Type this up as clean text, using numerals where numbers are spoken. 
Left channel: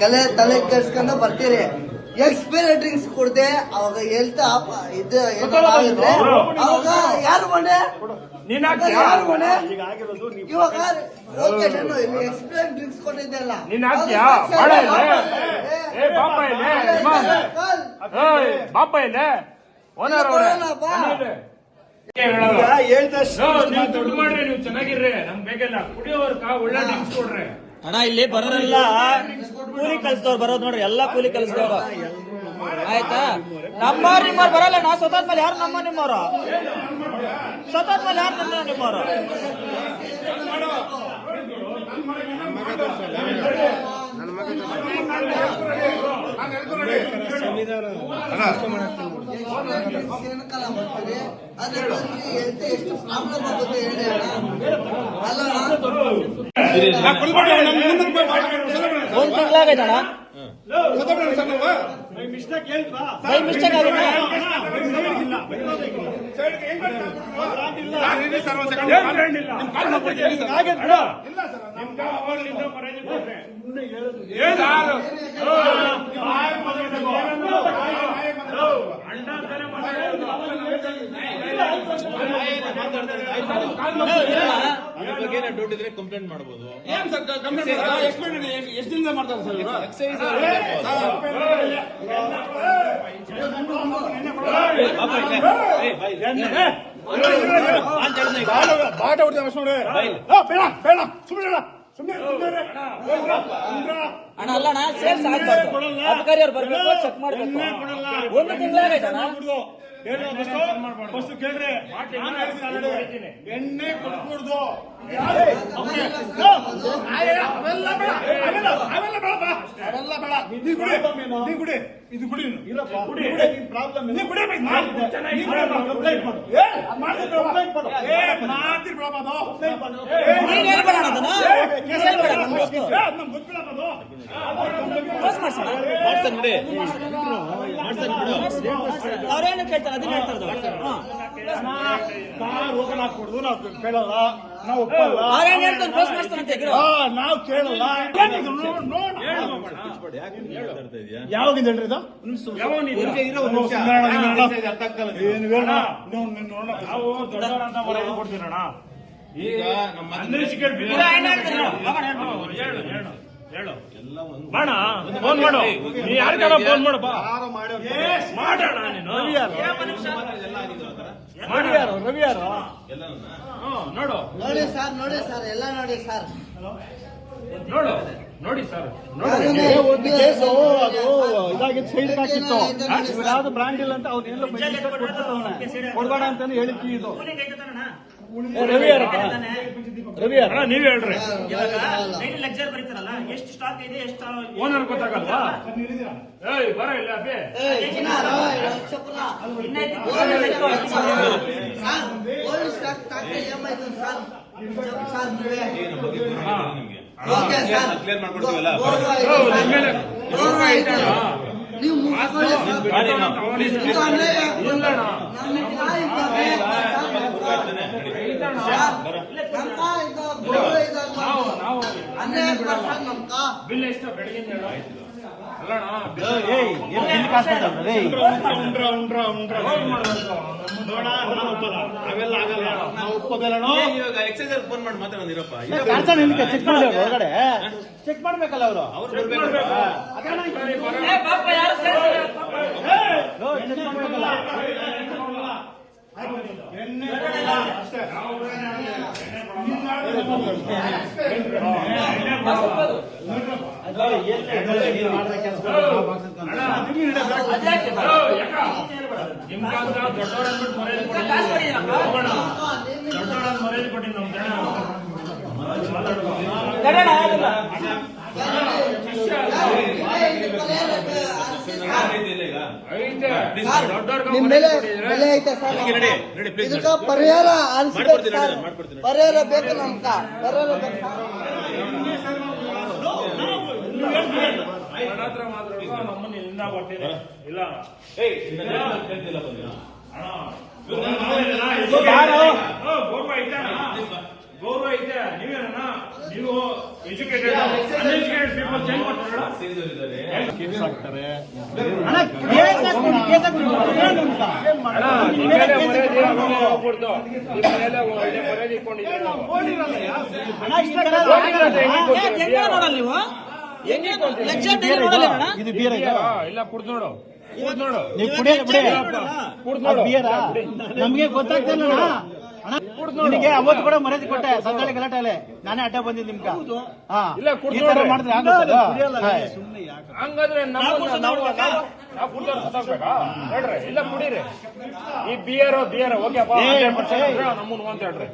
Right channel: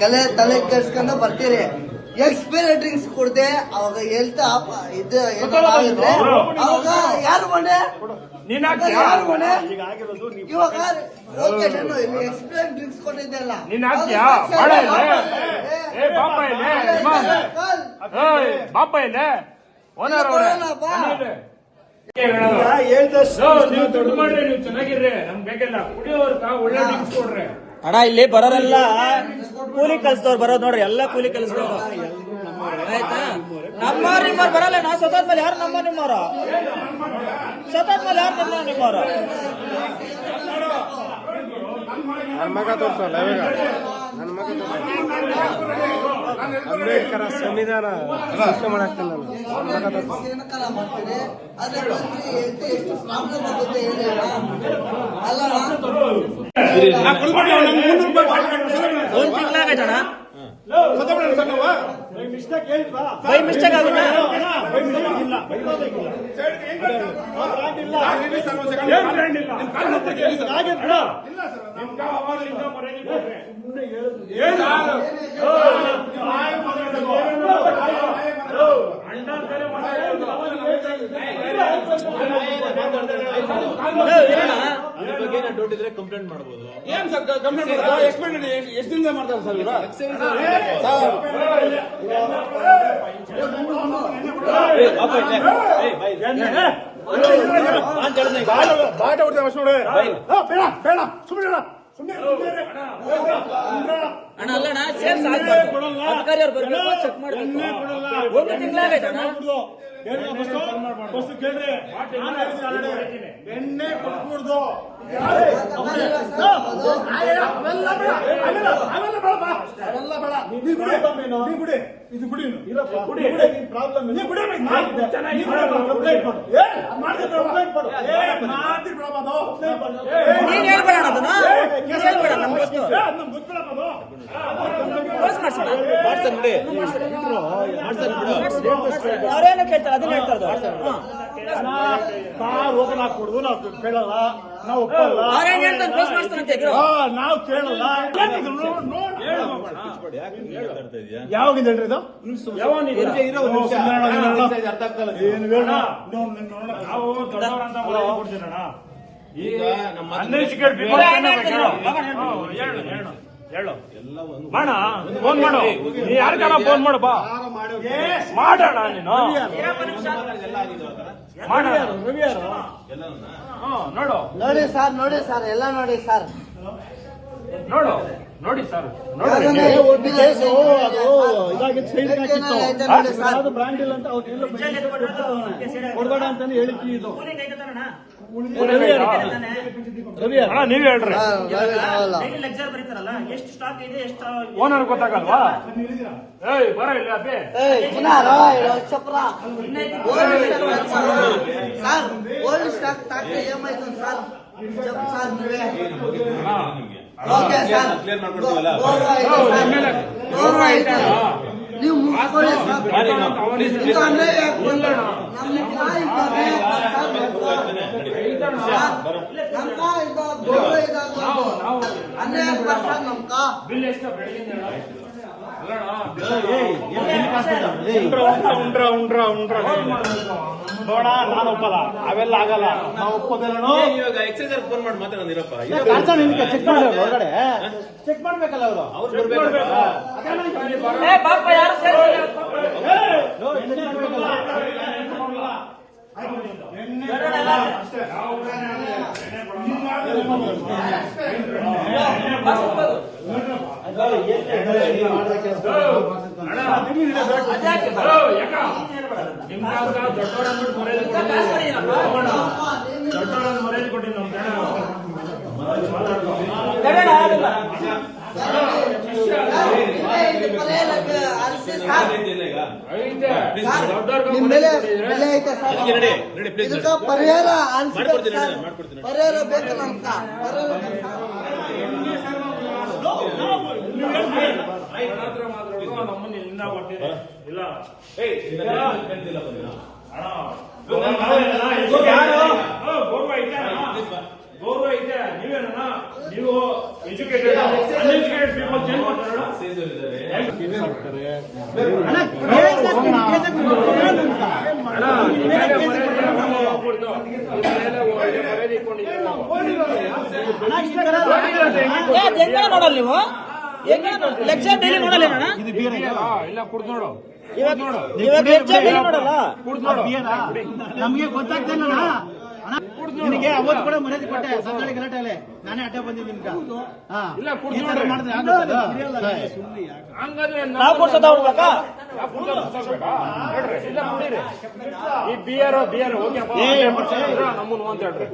ತಲೆ ಕೆಡ್ಸ್ಕೊಂಡು ಬರ್ತೀರಿ. Expiry drinks ಕುಡ್ದೆ ಅವಾಗ ಹೆಲ್ತ್ ಇದು ಏನಾಗಿದ್ರೆ ಅವಾಗ ಯಾರು ಮನೆ ಯಾರು ಮನೆ ಇವಾಗ ಓಕೆ ನಾನು ಎಕ್ಸ್ಪೈರಿ ಡ್ರಿಂಕ್ಸ್ ಕೊಟ್ಟಿದ್ದೆಲ್ಲ ಬಾಪ ಇಲ್ಲ ಓನರ್ ದುಡ್ಡು ಮಾಡ್ರಿ, ನೀವು ಚೆನ್ನಾಗಿರ್ರಿ, ನಮ್ಗೆ ಬೇಕಿಲ್ಲ. ಕುಡಿಯೋರ್ಕ ಒಳ್ಳೆ ಡ್ರಿಂಕ್ಸ್ ಕೊಡ್ರಿ ಅಣ್ಣ. ಇಲ್ಲಿ ಬರೋರೆಲ್ಲ ಕೂಲಿ ಕಲ್ಸಿದವ್ರು ಬರೋದು ನೋಡ್ರಿ, ಎಲ್ಲ ಕೂಲಿ ಕಲ್ಸಿದವ್ರು ಆಯ್ತಾ. ನಮ್ಮ ನಿಮ್ಮವ್ರು ಬರಲ್ಲ. ನಾವು ಸ್ವತಃ ಯಾರು ನಮ್ಮ ನಿಮ್ಮವ್ರು ಸ್ವತಃ ಯಾರು ನಿಮ್ಮವ್ರು ಅಂಬೇಡ್ಕರ್ ಸಂವಿಧಾನ ಒಂದು ತಿಂಗಳಾಗೈತಣ್ಣ. ಬೈ ಮಿಸ್ಟೇಕ್ ಆಗಿದೆ. ಡೌಟ್ ಇದ್ರೆ ಕಂಪ್ಲೇಂಟ್ ಮಾಡಬಹುದು. ಎಷ್ಟು ದಿನ ಮಾಡ್ತಾರೆ ಸರ್ ಇವರು? ಅಣ್ಣ ಅಲ್ಲಣ್ಣ, ಸೇಲ್ಸ್ ಆಗ್ಬಾರ್ದು. ಅಧಿಕಾರಿ ಅವ್ರು ಬರ್ಬೇಕು, ಚೆಕ್ ಮಾಡ್ಬೇಕು. ಒಂದು ತಿಂಗಳಾಗೈತಣ್ಣ. ಎಣ್ಣೆ ಕೊಟ್ಬಿಡ್ದು ಇದು ಗುಡಿ ಪ್ರಾಬ್ಲಮ್ ನೀನ್ ಹೇಳ್ಬೇಡ ಅದನ್ನ, ನೀನ್ ಹೇಳ್ಬೇಡ. ನಮ್ ಗೊತ್ತು ಅವ್ರೇನು ಕೇಳ್ತಾರೆ ಅದನ್ನ ಹೇಳ್ತಾರೆ. ರೋಗನ ಕೊಡುದು ನಾವು ಕೇಳಲ್ಲ, ನಾವು ಒಪ್ಪಲ್ಲ. ಅವ್ರೇನ್ ಹೇಳ್ತಾರೆ ಕ್ಲೋಸ್ ಮಾಡ್ತಾರಂತೆ. ನಾವು ಕೇಳಲ್ಲ. ಯಾವಾಗಿಂದ ಹೇಳ್ರಿ ಇದು? ಈಗ ಹೇಳು ಮಾಡ ಫೋನ್ ಮಾಡು, ನೀ ಯಾರಿಗಾರ ಫೋನ್ ಮಾಡು, ಬಾ ಮಾಡೋಣ. ನೀನು ರವಿ ಯಾರು? ನೋಡು ನೋಡಿ ಸರ್, ನೋಡಿ ಸರ್, ಎಲ್ಲ ನೋಡಿ ಸರ್, ನೋಡಿ ಸರ್, ಯಾವ್ದು ಬ್ರಾಂಡ್ ಇಲ್ಲ ಅಂತ ಅವ್ರು ಕೊಡ್ಬೇಡ ಅಂತಾನೆ ಹೇಳಿಕೆ ಇದು. ಅಣ್ಣ ನೀವ್ ಹೇಳ್ರಿ, ಓನರ್ ಗೊತ್ತಾಗಲ್ವಾ? ಏಯ್ ಬರ ಇಲ್ಲ ಅಪ್ಪಿ. ನೀವು ಬಿಲ್ ಎಷ್ಟು ಬೆಳಗಿಂದ ನೋಡ ನಾನು ಒಪ್ಪಲ್ಲ, ಅವೆಲ್ಲ ಆಗಲ್ಲ, ನಾವು ಒಪ್ಪೋದಲ್ಲ. ಇವಾಗ ಎಕ್ಸೈಸ್ ಫೋನ್ ಮಾಡಿ ಮಾತಾಡೋದಿರಪ್ಪ. ಚೆಕ್ ಮಾಡಿ ಹೊರಗಡೆ ಚೆಕ್ ಮಾಡ್ಬೇಕಲ್ಲ ಅವರು. ದೊಡ್ಡವರನ್ನು ಮರ್ಯಾದೆ ಕೊಟ್ಟಿದ್ದು ಪರಿಹಾರ ಪರಿಹಾರ ಬೇಕು ನಮ್ಗ. ಇಲ್ಲ ಗೌರವ ಐತೆ ನೀವೇನ ನೀವು ಎಜುಕೇಟೆಡ್ ಅನ್ಎಜುಕೇಟೆಡ್ ಪೀಪಲ್ ಚೇಂಜ್ ಮಾಡ್ತಾರಲ್ಲ ಕೇಸ್ ಹಾಕ್ತಾರೆ ಅಣ್ಣ ನಿಮ್ಮ ಮೇಲೆ ಮರ್ಯಾದೆ ಹೋಗ್ಬಿಡ್ತು ನಿಮ್ಮ ಮೇಲೆ ಮರ್ಯಾದೆ ಇಟ್ಕೊಂಡಿದ್ದೀರಿ ಹೆಂಗ ನೋಡಲ್ಲ ನೀವು ಲೆಕ್ಚರ್ ಡೈಲಿ ನೋಡಲ್ಲ ಅಣ್ಣ ಇದು ಬೀರ ಇಲ್ಲ ಕುಡ್ದು ನೋಡು ಇವಾಗ ಲೆಕ್ಚರ್ ಡೈಲಿ ನೋಡಲ್ಲ ಬೀರ ನಮ್ಗೆ ಗೊತ್ತಾಗ್ತಿಲ್ಲ ನಿಮಗೆ ಅವತ್ತು ಕೂಡ ಮರ್ಯಾದೆ ಕೊಟ್ಟೆ ಸಂಘಟನೆ ಗಲಾಟೆಲೆ ನಾನೇ ಅಡ್ಡ ಬಂದಿದ್ದು ನಿಮ್ಗೆ ಹಾ ಇಲ್ಲ ಕುಡ್ದು ಈ ತರ ನೋಡ್ರಿ ಮಾಡಿದ್ರೆ ಆಗುತ್ತಲ್ಲ? ಹಂಗಾದ್ರೆ ನಾವು ಕೊಡ್ಸೋದು ಅವ್ರ್ಬೇಕಾ? ನಾವು ಕುಡ್ದು ಸುತ್ತಾಕ್ಬೇಕಾ? ಹೇಳ್ರಿ ಇಲ್ಲ ಕುಡೀರಿ ಈ ಬಿಯರ್ ಓಕೆಪ್ಪ ನಮ್ಮನ್ನು ಅಂತ ಹೇಳ್ರಿ